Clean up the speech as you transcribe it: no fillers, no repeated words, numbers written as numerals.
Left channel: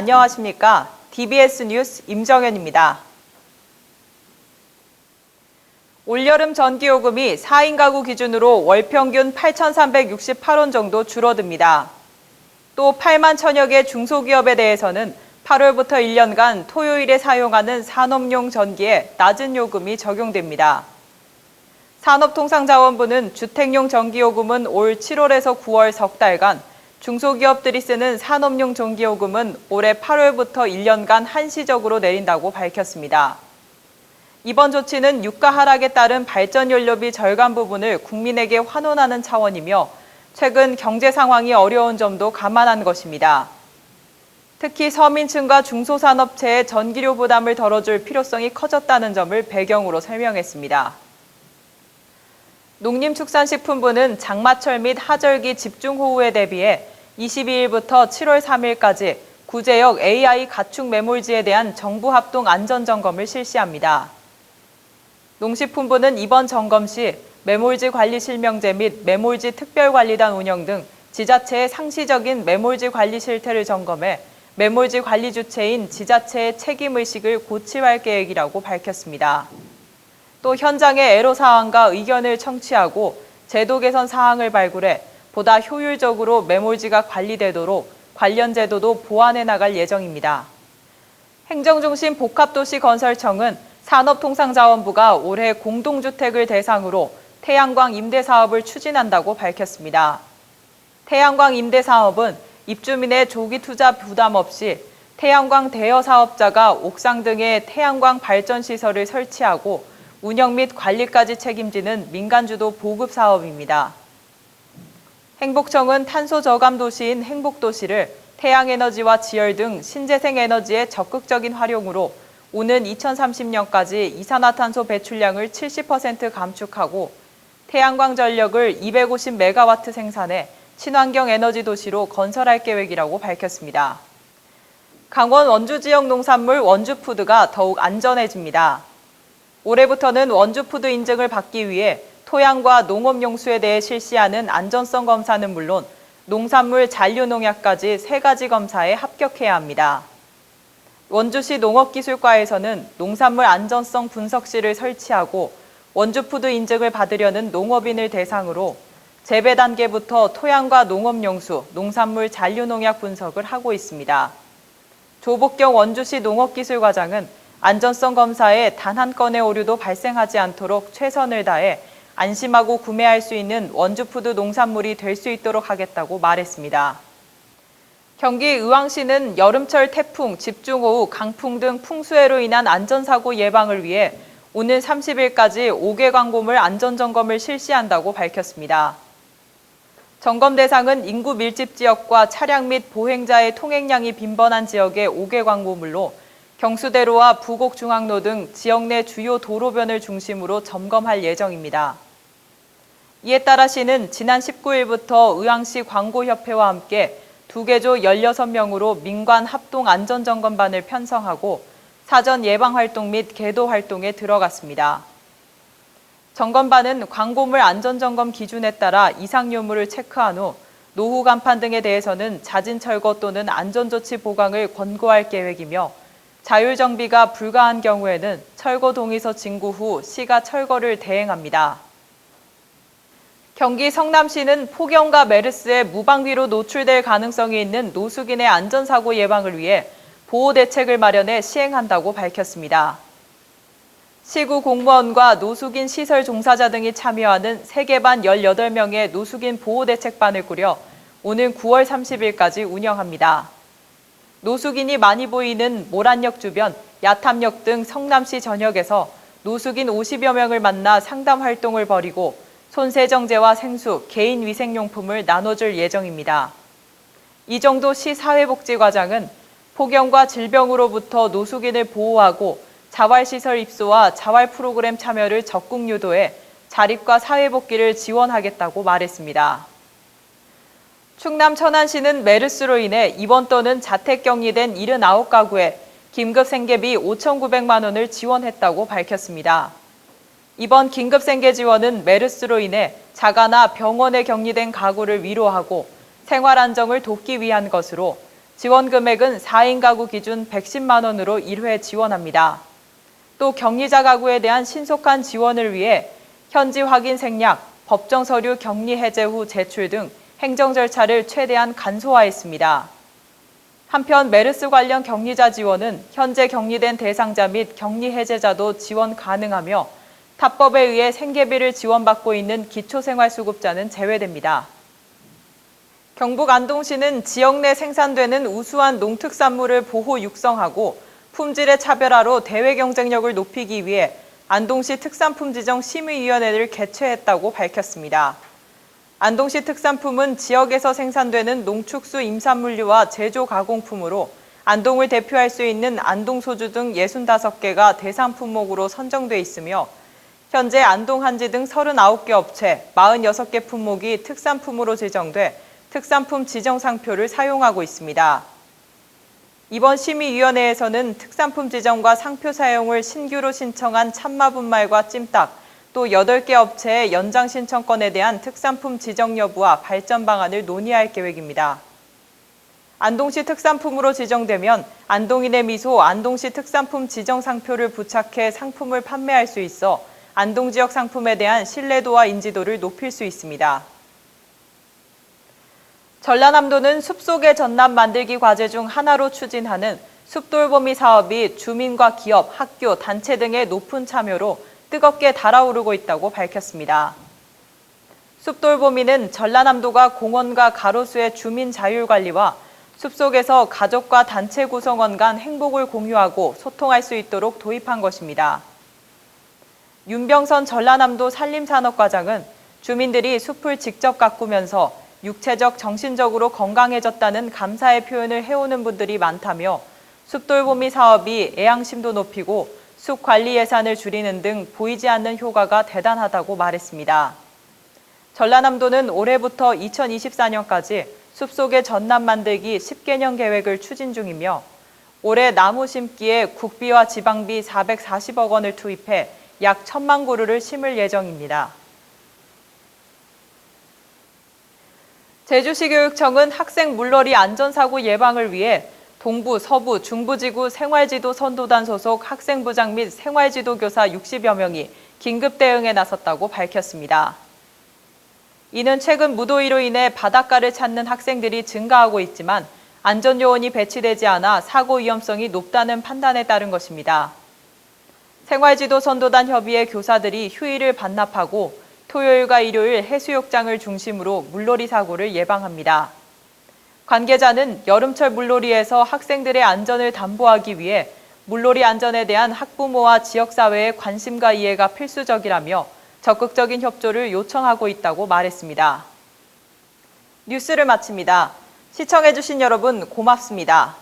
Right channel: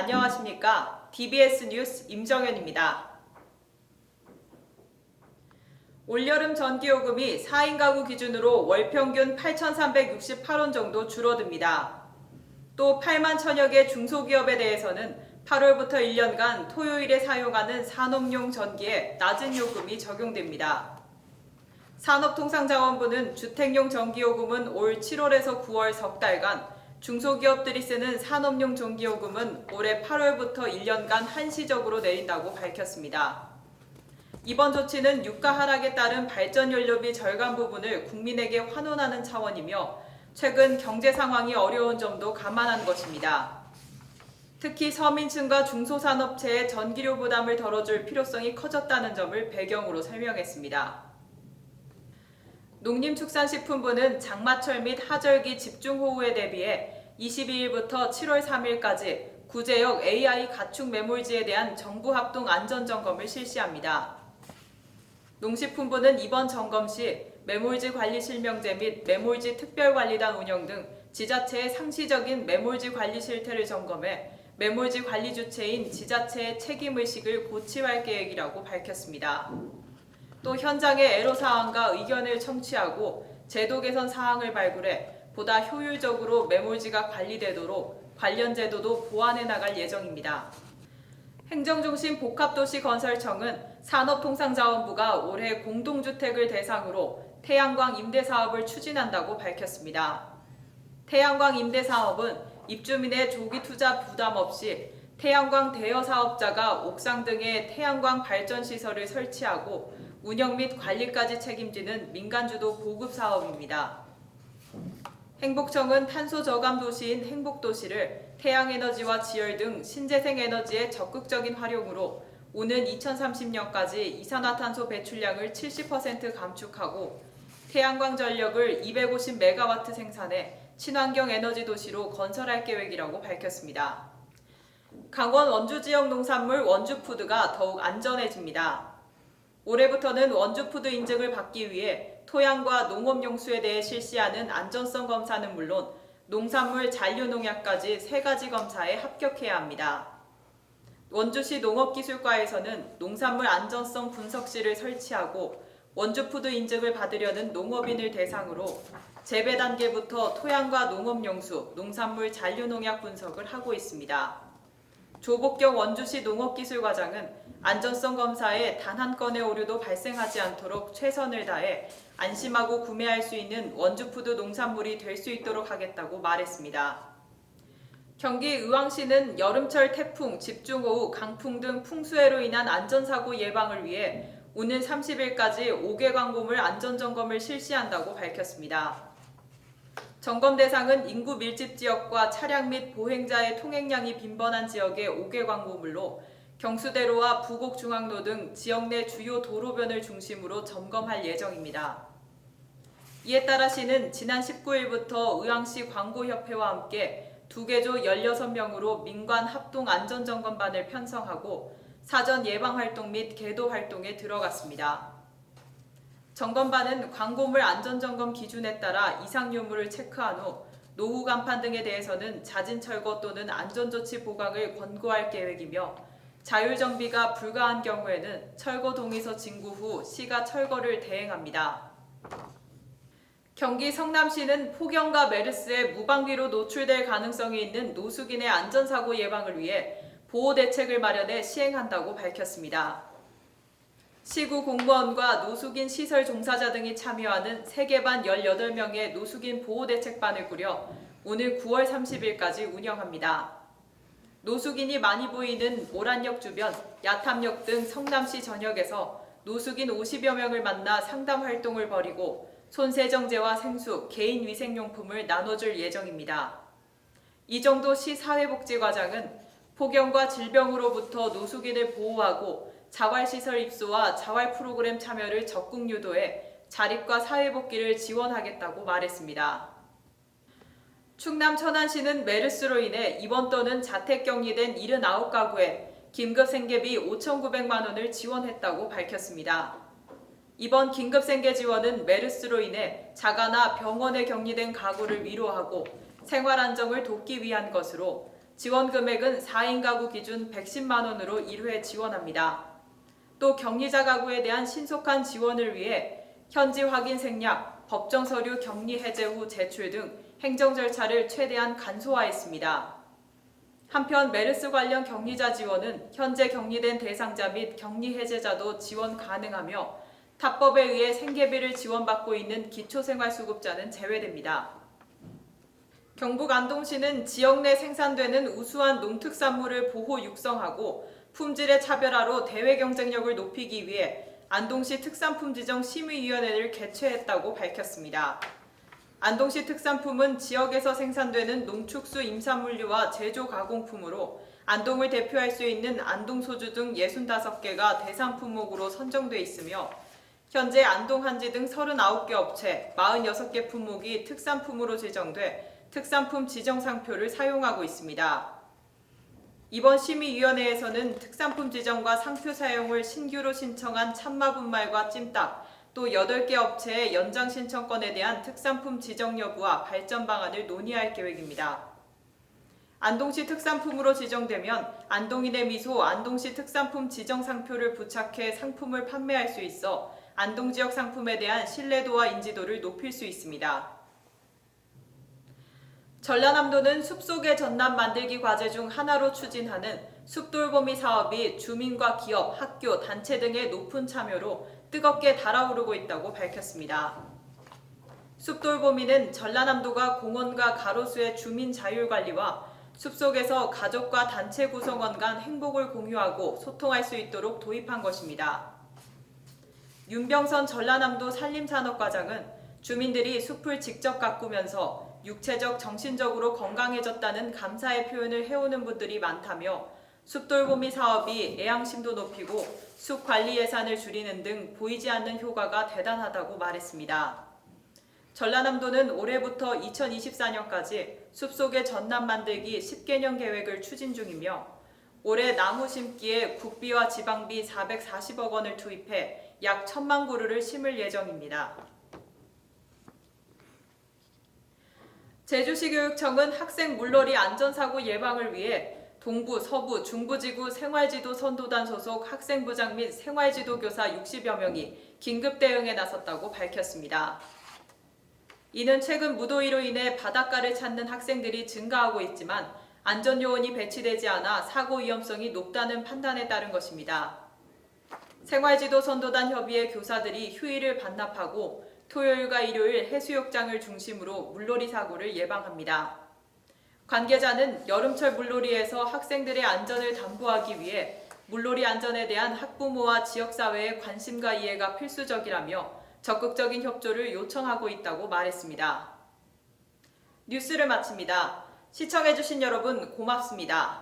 안녕하십니까? DBS 뉴스 임정현입니다. 올여름 전기요금이 4인 가구 기준으로 월 평균 8,368원 정도 줄어듭니다. 또 8만 천여 개 중소기업에 대해서는 8월부터 1년간 토요일에 사용하는 산업용 전기에 낮은 요금이 적용됩니다. 산업통상자원부는 주택용 전기요금은 올 7월에서 9월 석 달간, 중소기업들이 쓰는 산업용 전기요금은 올해 8월부터 1년간 한시적으로 내린다고 밝혔습니다. 이번 조치는 유가 하락에 따른 발전연료비 절감 부분을 국민에게 환원하는 차원이며 최근 경제 상황이 어려운 점도 감안한 것입니다. 특히 서민층과 중소산업체의 전기료 부담을 덜어줄 필요성이 커졌다는 점을 배경으로 설명했습니다. 농림축산식품부는 장마철 및 하절기 집중호우에 대비해 22일부터 7월 3일까지 구제역 AI 가축 매몰지에 대한 정부 합동 안전점검을 실시합니다. 농식품부는 이번 점검 시 매몰지 관리 실명제 및 매몰지 특별관리단 운영 등 지자체의 상시적인 매몰지 관리 실태를 점검해 매몰지 관리 주체인 지자체의 책임의식을 고취할 계획이라고 밝혔습니다. 또 현장의 애로사항과 의견을 청취하고 제도 개선 사항을 발굴해 보다 효율적으로 매몰지가 관리되도록 관련 제도도 보완해 나갈 예정입니다. 행정중심 복합도시건설청은 산업통상자원부가 올해 공동주택을 대상으로 태양광 임대사업을 추진한다고 밝혔습니다. 태양광 임대사업은 입주민의 조기 투자 부담 없이 태양광 대여 사업자가 옥상 등에 태양광 발전시설을 설치하고 운영 및 관리까지 책임지는 민간주도 보급 사업입니다. 행복청은 탄소 저감 도시인 행복도시를 태양에너지와 지열 등 신재생 에너지의 적극적인 활용으로 오는 2030년까지 이산화탄소 배출량을 70% 감축하고 태양광 전력을 250메가와트 생산해 친환경 에너지 도시로 건설할 계획이라고 밝혔습니다. 강원 원주 지역 농산물 원주푸드가 더욱 안전해집니다. 올해부터는 원주푸드 인증을 받기 위해 토양과 농업용수에 대해 실시하는 안전성 검사는 물론 농산물 잔류농약까지 3가지 검사에 합격해야 합니다. 원주시 농업기술과에서는 농산물 안전성 분석실을 설치하고 원주푸드 인증을 받으려는 농업인을 대상으로 재배 단계부터 토양과 농업용수, 농산물 잔류농약 분석을 하고 있습니다. 조복경 원주시 농업기술과장은 안전성 검사에 단 한 건의 오류도 발생하지 않도록 최선을 다해 안심하고 구매할 수 있는 원주푸드 농산물이 될 수 있도록 하겠다고 말했습니다. 경기 의왕시는 여름철 태풍, 집중호우, 강풍 등 풍수해로 인한 안전사고 예방을 위해 오는 30일까지 5개 광고물 안전점검을 실시한다고 밝혔습니다. 점검 대상은 인구 밀집 지역과 차량 및 보행자의 통행량이 빈번한 지역의 5개 광고물로 경수대로와 부곡중앙로 등 지역 내 주요 도로변을 중심으로 점검할 예정입니다. 이에 따라 시는 지난 19일부터 의왕시 광고협회와 함께 2개조 16명으로 민관 합동 안전점검반을 편성하고 사전 예방활동 및 계도 활동에 들어갔습니다. 점검반은 광고물 안전점검 기준에 따라 이상 유무를 체크한 후 노후 간판 등에 대해서는 자진 철거 또는 안전조치 보강을 권고할 계획이며 자율정비가 불가한 경우에는 철거 동의서 진구 후 시가 철거를 대행합니다. 경기 성남시는 폭염과 메르스에 무방비로 노출될 가능성이 있는 노숙인의 안전사고 예방을 위해 보호대책을 마련해 시행한다고 밝혔습니다. 시구 공무원과 노숙인 시설 종사자 등이 참여하는 세계반 18명의 노숙인 보호대책반을 꾸려 오는 9월 30일까지 운영합니다. 노숙인이 많이 보이는 모란역 주변, 야탐역 등 성남시 전역에서 노숙인 50여 명을 만나 상담 활동을 벌이고 손세정제와 생수, 개인위생용품을 나눠줄 예정입니다. 이정도 시 사회복지과장은 폭염과 질병으로부터 노숙인을 보호하고 자활시설 입소와 자활 프로그램 참여를 적극 유도해 자립과 사회복귀를 지원하겠다고 말했습니다. 충남 천안시는 메르스로 인해 입원 또는 자택격리된 79가구에 긴급 생계비 5,900만 원을 지원했다고 밝혔습니다. 이번 긴급 생계 지원은 메르스로 인해 자가나 병원에 격리된 가구를 위로하고 생활 안정을 돕기 위한 것으로 지원 금액은 4인 가구 기준 110만 원으로 1회 지원합니다. 또 격리자 가구에 대한 신속한 지원을 위해 현지 확인 생략, 법정 서류 격리 해제 후 제출 등 행정 절차를 최대한 간소화했습니다. 한편 메르스 관련 격리자 지원은 현재 격리된 대상자 및 격리 해제자도 지원 가능하며 탑법에 의해 생계비를 지원받고 있는 기초생활수급자는 제외됩니다. 경북 안동시는 지역 내 생산되는 우수한 농특산물을 보호 육성하고 품질의 차별화로 대외 경쟁력을 높이기 위해 안동시 특산품 지정 심의위원회를 개최했다고 밝혔습니다. 안동시 특산품은 지역에서 생산되는 농축수 임산물류와 제조 가공품으로 안동을 대표할 수 있는 안동소주 등 65개가 대상 품목으로 선정돼 있으며 현재 안동 한지 등 39개 업체 46개 품목이 특산품으로 지정돼 특산품 지정상표를 사용하고 있습니다. 이번 심의위원회에서는 특산품 지정과 상표 사용을 신규로 신청한 참마분말과 찜닭, 또 8개 업체의 연장 신청권에 대한 특산품 지정 여부와 발전 방안을 논의할 계획입니다. 안동시 특산품으로 지정되면 안동인의 미소 안동시 특산품 지정 상표를 부착해 상품을 판매할 수 있어 안동 지역 상품에 대한 신뢰도와 인지도를 높일 수 있습니다. 전라남도는 숲속의 전남 만들기 과제 중 하나로 추진하는 숲돌보미 사업이 주민과 기업, 학교, 단체 등의 높은 참여로 뜨겁게 달아오르고 있다고 밝혔습니다. 숲돌보미는 전라남도가 공원과 가로수의 주민 자율관리와 숲속에서 가족과 단체 구성원 간 행복을 공유하고 소통할 수 있도록 도입한 것입니다. 윤병선 전라남도 산림산업과장은 주민들이 숲을 직접 가꾸면서 육체적, 정신적으로 건강해졌다는 감사의 표현을 해오는 분들이 많다며 숲돌보미 사업이 애양심도 높이고 숲 관리 예산을 줄이는 등 보이지 않는 효과가 대단하다고 말했습니다. 전라남도는 올해부터 2024년까지 숲속의 전남 만들기 10개년 계획을 추진 중이며 올해 나무 심기에 국비와 지방비 440억 원을 투입해 약 1,000만 그루를 심을 예정입니다. 제주시 교육청은 학생 물놀이 안전사고 예방을 위해 동부, 서부, 중부지구 생활지도 선도단 소속 학생부장 및 생활지도교사 60여 명이 긴급 대응에 나섰다고 밝혔습니다. 이는 최근 무더위로 인해 바닷가를 찾는 학생들이 증가하고 있지만 안전요원이 배치되지 않아 사고 위험성이 높다는 판단에 따른 것입니다. 생활지도 선도단 협의회 교사들이 휴일을 반납하고 토요일과 일요일 해수욕장을 중심으로 물놀이 사고를 예방합니다. 관계자는 여름철 물놀이에서 학생들의 안전을 담보하기 위해 물놀이 안전에 대한 학부모와 지역사회의 관심과 이해가 필수적이라며 적극적인 협조를 요청하고 있다고 말했습니다. 뉴스를 마칩니다. 시청해주신 여러분 고맙습니다.